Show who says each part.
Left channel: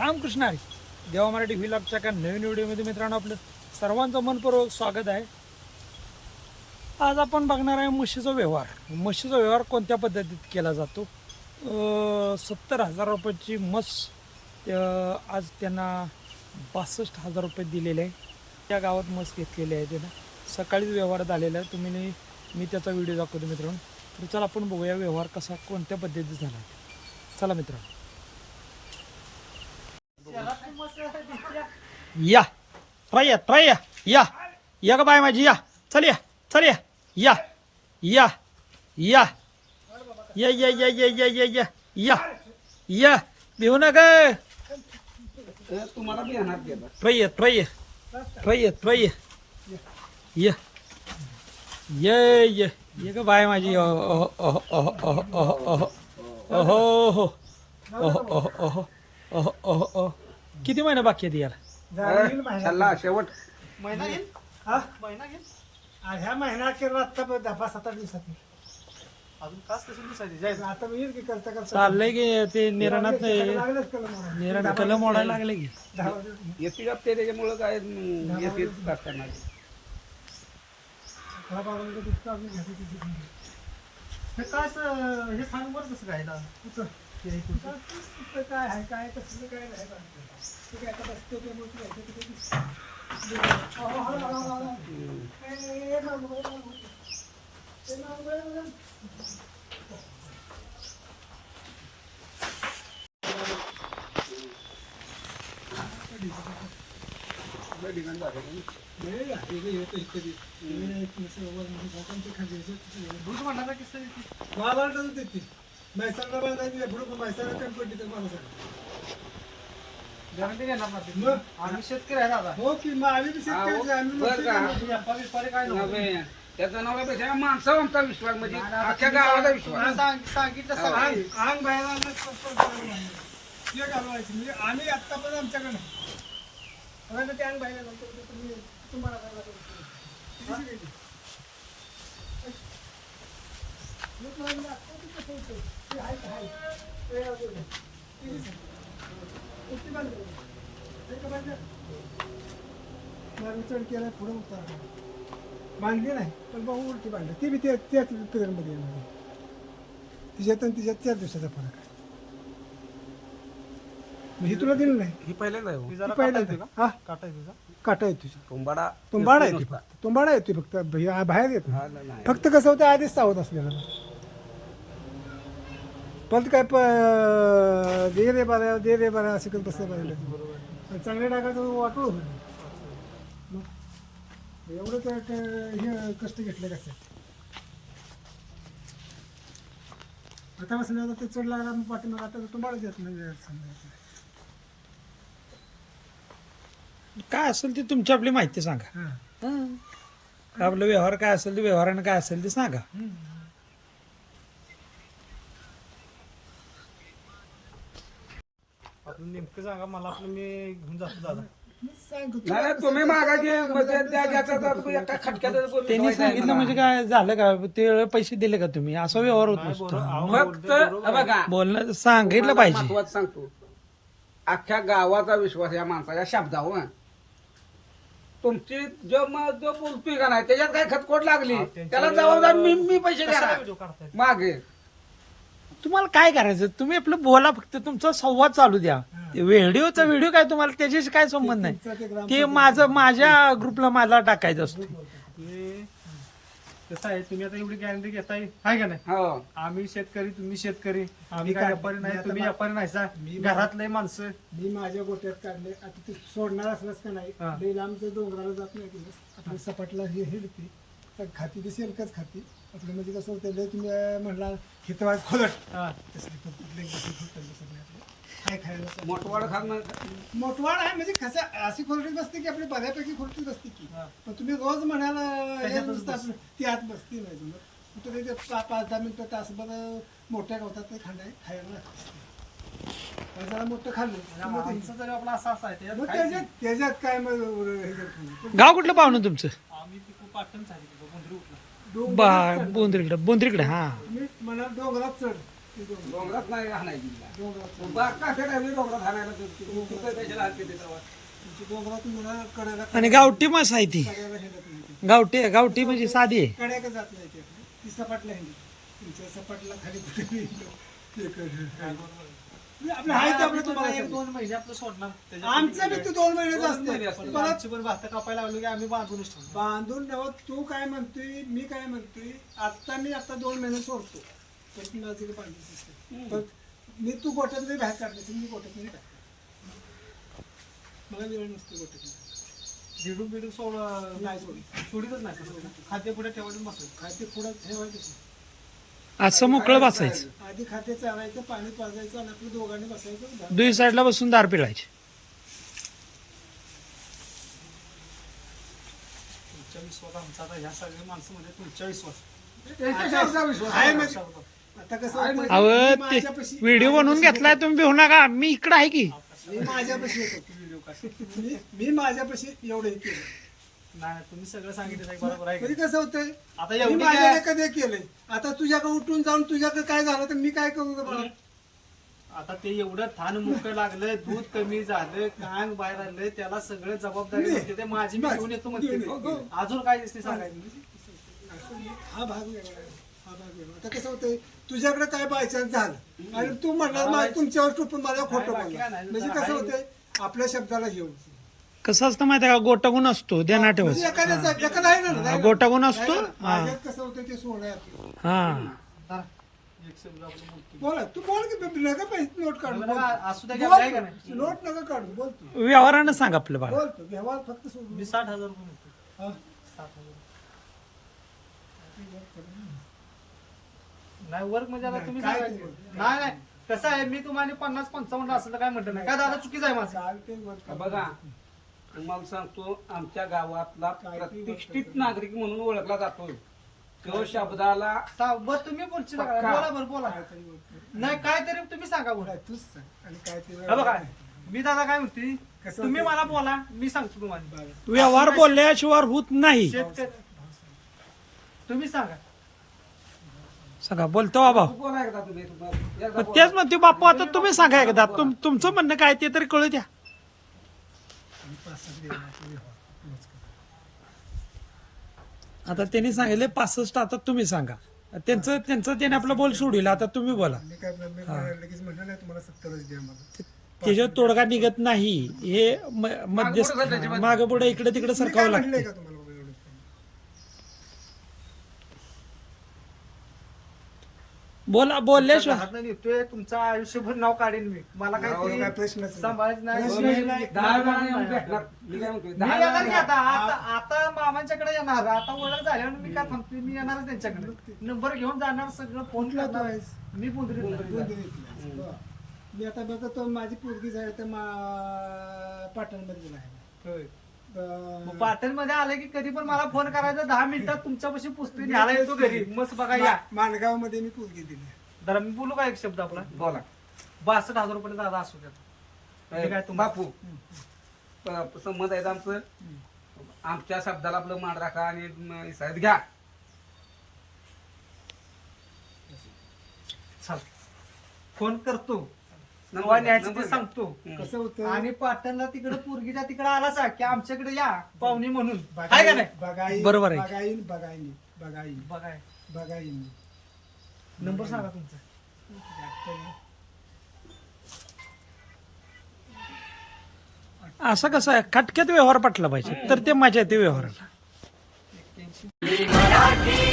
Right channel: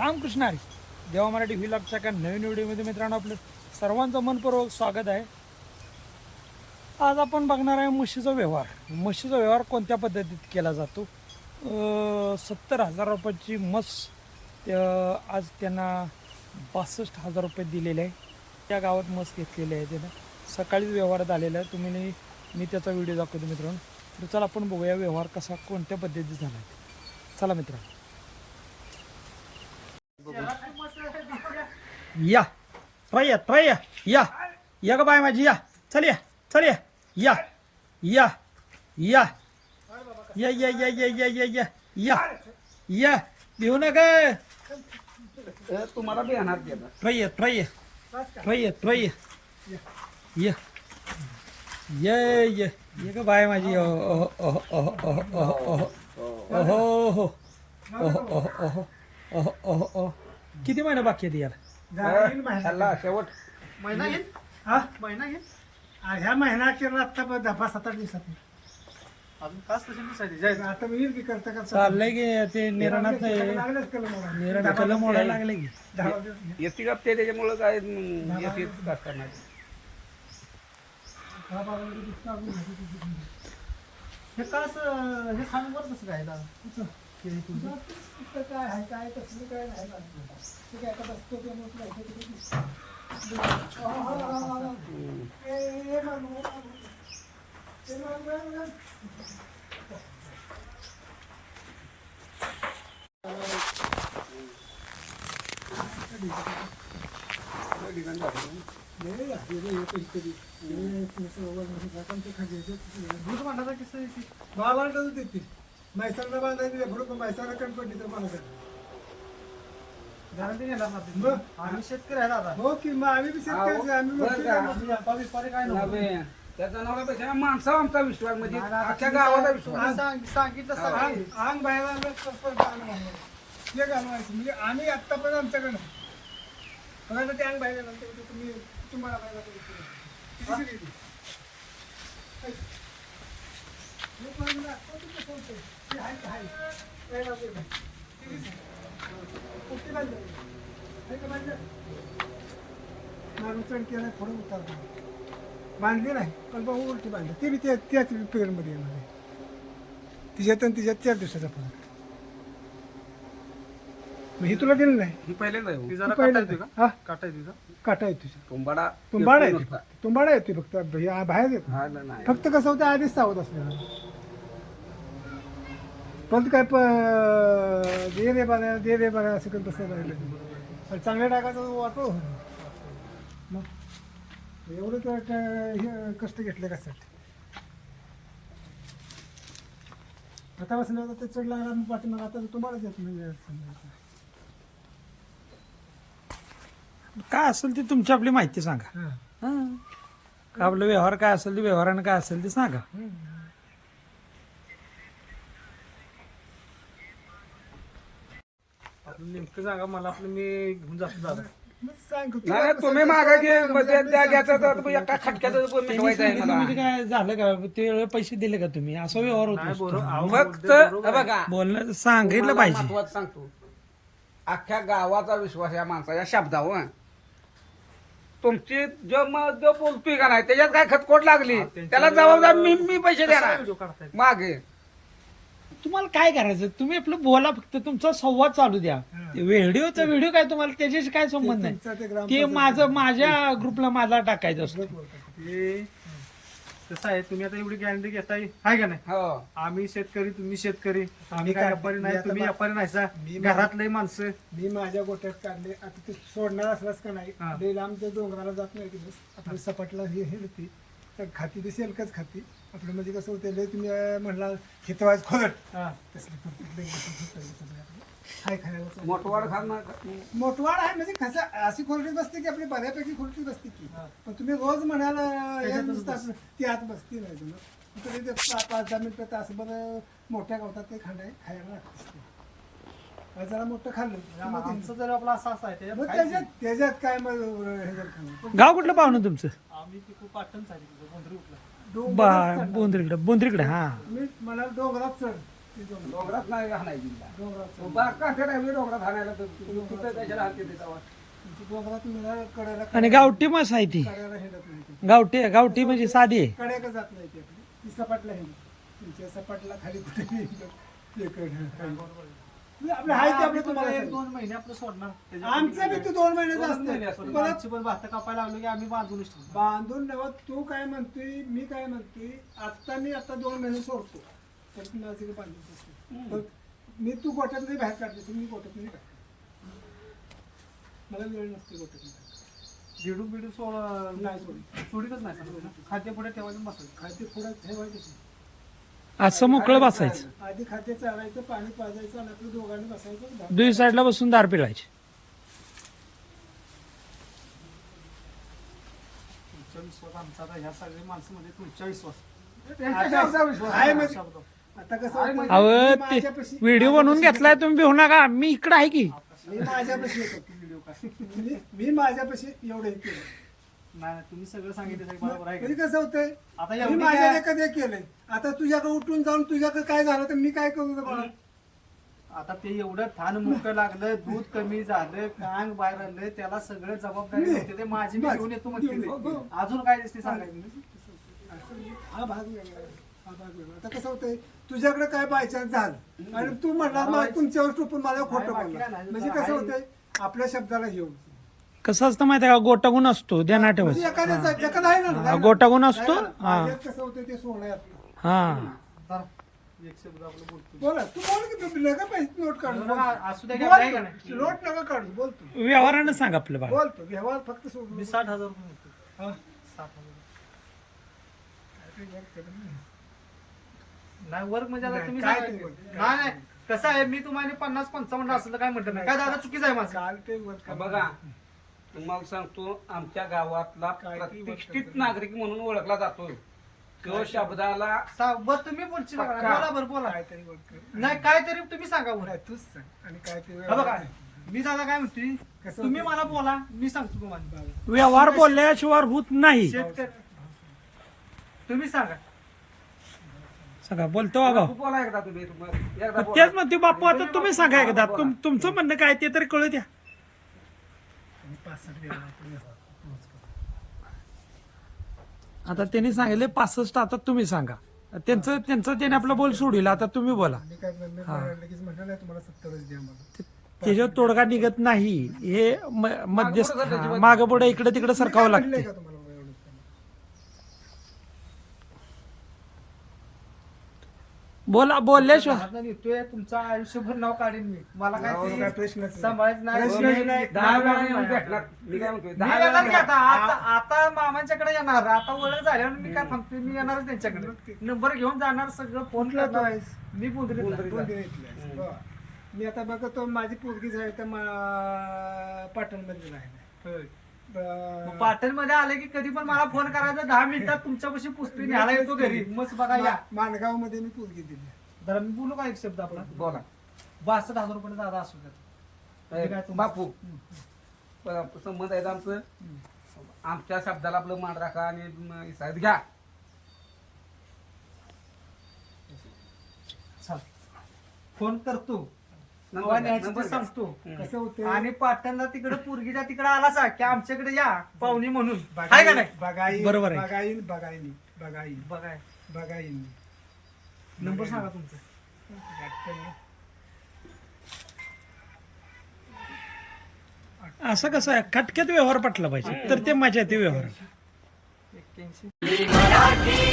Speaker 1: रामकृष्ण हरी. देवा मराठी व्हिलॉगच्या काय नवीन व्हिडिओमध्ये मित्रांनो आपलं सर्वांचं मनपूर्वक स्वागत आहे. आज आपण बघणार आहे म्हशीचा व्यवहार. म्हशीचा व्यवहार कोणत्या पद्धतीत केला जातो? सत्तर हजार रुपयाची मस आज त्यांना बासष्ट हजार रुपये दिलेले आहे. त्या गावात मस घेतलेली आहे त्यानं. सकाळीच व्यवहारात आलेला आहे. तुम्ही नाही- मी त्याचा व्हिडिओ दाखवतो मित्रांनो. तर चला आपण बघूया व्यवहार कसा कोणत्या पद्धतीत झाला आहे. चला मित्रांनो. या ट्राय या ट्राय या या या का बाय माझी या चल या चल या या या या या या या या या या या या या भिवू नका
Speaker 2: तुम्हाला बी येणार ते
Speaker 1: ट्राय या या या का बाय माझी ओहो ओहो ओहो ओहो ओहो ओहो ओहो ओहो ओहो ओहो ओहो ओहो ओहो किती महिने बाकी आहेत याला
Speaker 2: सल्ला शेवट.
Speaker 3: महिना घेईन
Speaker 4: हा?
Speaker 3: महिना घेईन
Speaker 4: आ, ह्या महिना केला आता पण दहा पाच सात आठ दिवसात
Speaker 3: अजून काच तशी दिसायची जायचं
Speaker 4: आता मी येईल की करता करता
Speaker 1: चाललंय की ते निराणात
Speaker 4: लागलेच केलं मला.
Speaker 1: निराण कलम मोडायला लागले की.
Speaker 4: दहा.
Speaker 2: येते का. ते त्याच्यामुळं काय हम्म, येते
Speaker 4: मला दुसरं अजून माहिती तुझी.
Speaker 3: हे काच अं, हे खाणं बरं कसं काय
Speaker 4: कुठं? काय आहे काय कसलं काय नाही ते काय आता बसतो त्यामुळे मला वाटत बांधायचं मैसाला बांधायची पुढे मैसाला कमी पडली तर मला सांग.
Speaker 3: गॅरंटी ना
Speaker 4: मग?
Speaker 3: आम्ही शेतकरी आहे दादा
Speaker 4: हो की मग आम्ही बी शेतकरीच आहे, आम्ही
Speaker 2: बरं का?
Speaker 3: बिपारी काय नको.
Speaker 2: नव्हे. त्याचा माणसावर आमचा विश्वास म्हणजे अख्ख्या गावाचा विश्वास
Speaker 3: सांग- सांगितलं सगळं.
Speaker 4: अंग अंग बाहेर आणलं, घालवायचं म्हणजे आम्ही आत्तापर्यंत आमच्याकडं बघायचं ते अंग बाहेर तुम्ही तुम्हाला बाहेर किती लोक म्हणतात, "कोणतं कसं होतंय?" ते आहे ते आहे. पहिला ते बघ. किती शिकायची? कुठली बांधली? आहे का बांधलं? मागं चढ केलाय, पुढं उतार केलाय. बांधली नाही पण बघ उलटी बांधली ती बी त्या त्याच पिरियडमध्ये येणार आहे. तिच्यात आणि तिच्यात चार दिवसाचा फरक मग ही तुला दिलं नाही
Speaker 2: ही पहिल्यांदा
Speaker 3: ती जरा येते का?
Speaker 4: हा
Speaker 3: काटा येते का?
Speaker 4: काटा आहे तुझी
Speaker 2: तुंबाडा
Speaker 4: तुंबाडा येते तुंबाडा येते फक्त बाहेर येत नाही.
Speaker 2: हा, नाही, नाही.
Speaker 4: फक्त कसं होतं आधीच सावध असलेलं पण काय प- दे रे बारा दे रे बारा असं करत बसलं पाहिजे आणि चांगल्या वाटोळ होईल मग एवढं तर काय हे कष्ट घेतले कशासाठी आता बसलं ते चढ लागला मग पाठीमाग आता तुम्हालाच येत नाही समजा.
Speaker 1: काय असेल ते तुमची आपली माहिती सांगा.
Speaker 4: हां.
Speaker 1: हं. का आपलं व्यवहार काय असेल ते व्यवहारानं काय असेल ते सांगा.
Speaker 3: नेमकं सांगा मला आपलं मी घेऊन जातो दादा.
Speaker 2: नाही, तुम्ही मागायचे म्हणजे एका
Speaker 1: त्यांनी
Speaker 2: आहे
Speaker 1: सांगितलं. म्हणजे काय झालं का? ते पैसे दिले का तुम्ही? असा व्यवहार होत
Speaker 3: नाही
Speaker 1: नसतो
Speaker 3: बरोबर. अहो,
Speaker 2: फक्त
Speaker 3: बरोबर
Speaker 2: हे. बघा.
Speaker 1: बोलणं सांगितलं पाहिजे.
Speaker 2: महत्वाचं सांगतो. अख्ख्या गावाचा विश्वास या माणसाच्या शब्दावर. तुमची जो मग जो बोलतोय का नाही त्याच्यात काय खतखोट लागली? त्याला जबाबदार मी मी पैसे
Speaker 3: कशाला
Speaker 2: देणार?
Speaker 3: व्हिडिओ काढताय?
Speaker 2: मागे.
Speaker 1: तुम्हाला काय करायचं? तुम्ही आपलं बोला फक्त तुमचा संवाद चालू द्या. ते व्हिडिओचा व्हिडिओ काय तुम्हाला? त्याच्याशी काय संबंध नाही.
Speaker 4: ते
Speaker 1: माझं माझ्या ग्रुपला मला टाकायचं असतं.
Speaker 3: ते कसं आहे. तुम्ही आता एवढी गॅरंटी घेताय. आहे का नाही?
Speaker 2: हो.
Speaker 3: आम्ही शेतकरी तुम्ही शेतकरी. आम्ही काय व्यापारी
Speaker 4: मी
Speaker 3: नाही तुम्ही व्यापारी नाहीसा
Speaker 4: मी-
Speaker 3: घरातले माणसं.
Speaker 4: मी माझ्या गोट्यात काढले. आता ते सोडणार असलाच का नाही?
Speaker 3: हा.
Speaker 4: लांबच्या डोंगराला जात नाही आपली सपाटला हे हे होती. तर खाती ती शेलकच खाती. आपलं म्हणजे कसं होतं लय तुम्ही म्हणला हितवाज खोलट
Speaker 3: हा.
Speaker 4: तसली बसत नाही आपलं. हाय खायला.
Speaker 2: मोठवाड खाणार
Speaker 4: मोठवाड आहे म्हणजे कसं अशी खोलटी बसते की आपली बऱ्यापैकी खोलटी बसते की
Speaker 3: हा.
Speaker 4: पण तुम्ही रोज म्हणाला
Speaker 3: त्याच्यातच
Speaker 4: या नुसतं असं ती आत बसती नाही जमत फक्त ते पाच दहा मिनिटं तासभर मोठ्या गवतात ते खांडाय खायला जरा मोठं खाल्लं ते-
Speaker 3: आमचं जर आपला असा असा आहे
Speaker 4: मग
Speaker 3: त्याच्यात
Speaker 4: त्याच्यात काय मग हे खाणं.
Speaker 1: गाव कुठलं पाहुणं तुमचं
Speaker 3: आम्ही पाटण झाली गोंधळी उठला
Speaker 4: डोंगरात
Speaker 1: बा
Speaker 4: चढ.
Speaker 1: बोंद्रीकडे बोंद्रीकडे हा
Speaker 4: मी मला डोंगरात चढ ती डोंगरात
Speaker 2: डोंगरात नाही हाणायची तिला.
Speaker 4: डोंगरात
Speaker 2: बाग काठ्या टाईमला डोंगरात हाणायला तर तू- तिथं कशाला हाणते ते तेव्हा?
Speaker 4: तुमची डोंगरात मला कड्याला
Speaker 1: आणि गावठी मास आहे ती
Speaker 4: कड्याला हिंडत नाही ती.
Speaker 1: गावठी आहे, गावठी म्हणजे साधी आहे
Speaker 4: जात नाही ती ती सपाटला हिंडत सपाटला खाली कुठे नाही हिंडत. ते कड- आपलं आहे ते आपलं तुम्हाला
Speaker 3: एक
Speaker 4: सांगतो.
Speaker 3: दोन महिने आपलं सोडणार
Speaker 4: आमचं बी तू दोन महिन्याचं
Speaker 2: दोन महिने
Speaker 4: असतं
Speaker 2: असतं.
Speaker 4: परत
Speaker 3: आमची पण भात कापायला लागलो की आम्ही बांधूनच
Speaker 4: बांधून ठेवत तू काय म्हणतोय मी काय म्हणतोय आता मी आता दोन महिने सोडतो ती माझी असते पण मी तू बाहेर असेल, मी गोट्यात नाही बाहेर. मला वेळ नसतो काढायला.
Speaker 3: झिडूक बिडूक सोड
Speaker 4: नाही सोडली
Speaker 3: सोडीतच नाही सर खाद्य पुढे ठेवायचं बसायचं
Speaker 4: खाते पुढे ठेवायचं.
Speaker 1: असं मोकळं बसायचं.
Speaker 4: आधी खाते चालायचं पाणी पाजायचं आणि आपलं दोघांनी बसायचं
Speaker 1: दुई साईडला बसून दार पिळायचे.
Speaker 3: तुमच्या विश्वास आमचा आता ह्या सगळ्या माणसामध्ये तुमच्या विश्वास.
Speaker 2: कशावरचा विश्वास
Speaker 4: आहे
Speaker 2: आहे?
Speaker 4: म्हणजे आता कसं होतं,
Speaker 1: अव
Speaker 4: मी
Speaker 1: ते
Speaker 4: माझ्यापाशी-
Speaker 1: व्हिडिओ बनवून घेतलाय तुम्ही भिवू नका. मी इकडं आहे की?
Speaker 4: मी माझ्यापाशी येतो.
Speaker 3: व्हिडिओ काय
Speaker 4: मी मी माझ्यापाशी एवढं हे केलं.
Speaker 3: नाही नाही, तुम्ही सगळं सांगितलं साहेब, बरोबर आहे
Speaker 4: म्हणजे
Speaker 3: का?
Speaker 4: कसं होतंय
Speaker 3: आता
Speaker 4: मी
Speaker 3: एवढी काय
Speaker 4: केलंय आता तुझ्याकडे उठून जाऊन तुझ्याकडे काय झालं तर मी काय करू बाळा?
Speaker 3: आता ते एवढं थान मुक लागलं दूध कमी झालं कांग बाहेर आलं त्याला सगळं जबाबदारी ते माझी मी. घेऊन येतो म्हणते
Speaker 4: ये.
Speaker 3: मी. अजून काय दिसते सांगायचं
Speaker 4: असं नाही. हा भाग वेगळा आहे. हा भाग वेगळा आता कसं होतंय तुझ्याकडे काय बायचान्स झालं आणि तू म्हणणार मला तुमच्यावर टोपून मला खोटं
Speaker 3: बाकी
Speaker 4: बोलला
Speaker 3: काय नाही.
Speaker 4: म्हणजे कसं. होतंय आपल्या शब्दाला घेऊन
Speaker 1: कसं असतं माहिती आहे का गोटागुण असतो ध्यानात
Speaker 4: म्हणजे
Speaker 1: ठेवायचं
Speaker 4: एखाद्याचा एखादा आहे ना
Speaker 1: हा,
Speaker 4: आहे ना?
Speaker 1: गोटागुण असतो? हा
Speaker 4: माझ्यात कसं होतं ते सोनं आहे आपलं.
Speaker 1: हा
Speaker 3: धरा. एक शब्द आपलं बोलतो
Speaker 4: बोला तू बोल की तू नका पैसे नोट काढू
Speaker 3: नका, असू द्या की
Speaker 4: बोल.
Speaker 3: आपलं आहे का नाही?
Speaker 4: नोट नका काढू बोल तू
Speaker 1: व्यवहारानं सांग आपलं बाळ
Speaker 4: बोल तू व्यवहार फक्त सोडून
Speaker 3: मी साठ हजार रुपये म्हणतो
Speaker 4: हा.
Speaker 3: साठ हजार नाही वर्क म्हणजे आता
Speaker 4: नाही,
Speaker 3: तुम्ही
Speaker 4: काय
Speaker 3: सांगायचं.
Speaker 4: ते work?
Speaker 3: नाही नाही कसं आहे मी तुम्हाला पन्नास पंचावन्न असं तर काय म्हटलं नाही काय दादा चुकीचं आहे माझं
Speaker 4: काल ते.
Speaker 2: बघा तुम्हाला सांगतो आमच्या गावातला प्रतिष्ठित नागरिक म्हणून ओळखला जातोय तो शब्दाला
Speaker 3: सा- बरं तुम्ही बोलची
Speaker 2: पक्का.
Speaker 3: बोला बरं बोला.
Speaker 4: काहीतरी work कर.
Speaker 3: नाही काय तरी तुम्ही सांगा
Speaker 4: नाही, तूच सांग. आणि काय ते
Speaker 3: हे बघा मी दादा काय म्हणते
Speaker 4: कसं
Speaker 3: तुम्ही
Speaker 4: होतं?
Speaker 3: मला बोला मी सांगतो तुम्हाला.
Speaker 4: बरं.
Speaker 1: व्यवहार बोलल्याशिवाय होत नाही.
Speaker 3: शेतकरी तुम्ही सांगा.
Speaker 1: सांगा बोलतो बाबा.
Speaker 2: तू बोला एकदा तुम्ही तुम्हाला एकदा बोला.
Speaker 1: तेच म्हणते बापू आता तुम्ही सांगा एकदा. तुम तुमचं म्हणणं काय ते तरी कळू द्या.
Speaker 4: कर.
Speaker 1: आता त्यांनी सांगितले पासष्ट आता तुम्ही सांगा. त्यांचं त्यांचं त्याने आपलं बोल सोडील आता तुम्ही बोला.
Speaker 4: मी काय मी
Speaker 1: हा.
Speaker 4: लगेच म्हटलं नाही तुम्हाला सत्तरच द्या मला.
Speaker 1: त्याच्यावर तोडगा निघत नाही. हे म- मध्यस्थ माग पुढे इकडे तिकडे सरकावं लागते.
Speaker 4: का तुम्हाला बाबा एवढंच करा?
Speaker 1: बोला बोलल्याशिवाय
Speaker 3: हातनं निघतोय तुमचं आयुष्यभर नाव काढेन मी. मला काय
Speaker 4: काय प्रश्नच नाही.
Speaker 3: सांभाळायचं नाही.
Speaker 4: प्रश्नच
Speaker 3: मी-
Speaker 4: नाही.
Speaker 2: दहा
Speaker 3: मी-
Speaker 2: वेळा
Speaker 3: मी-
Speaker 2: येऊन
Speaker 3: मी-
Speaker 2: भेटणार. मी काय म्हणतोय,
Speaker 3: मी
Speaker 2: दहा
Speaker 3: येणार की
Speaker 2: वेळा
Speaker 3: आता आता आता मामांच्याकडे येणार. आता ओळख झाल्यावर मी काय थांबतोय? मी येणारच त्यांच्याकडे. नंबर घेऊन जाणार सगळं फोन
Speaker 4: कुठला तो?
Speaker 3: करणार.
Speaker 4: आहेस?
Speaker 3: मी पुंदरीत.
Speaker 4: बरं. मी आता बघतो माझी पोरगी झाली तर मा- पाटणमध्ये राहिला.
Speaker 3: पाटणमध्ये आले की कधी पण मला फोन करायचा दहा मिनिटात तुमच्यापाशी पुस्तक न्यायला येतो घरी. मस्त बघा या.
Speaker 4: माणगावमध्ये मी पोरगी दिली
Speaker 3: जरा मी बोलू का एक शब्द आपला?
Speaker 2: बोला.
Speaker 3: बासष्ट हजार रुपये दादा असू तुम्हा-
Speaker 2: बापू. संमत आहेत आमचं. आमच्या शब्दाला आपलं मान राखा आणि साहेब घ्या.
Speaker 3: चल. फोन करतो. न्यायचं ते. सांगतो.
Speaker 4: कसं होतं
Speaker 3: आणि पाटणला तिकडे पोरगीच्या तिकडे आला सा की आमच्याकडे या पाहुणी म्हणून. का
Speaker 4: बघाई
Speaker 3: नाही?
Speaker 4: बघाई
Speaker 1: बरोबर आहे.
Speaker 4: बघाईन बघाईन बघाईन.
Speaker 3: बघाय.
Speaker 4: बघाईन.
Speaker 3: नंबर सांगा तुमचा.
Speaker 1: असं कसं आहे? खटक्यात व्यवहार पटला पाहिजे. तर ते मजा येते व्यवहाराला.
Speaker 3: एक्क्याऐंशी.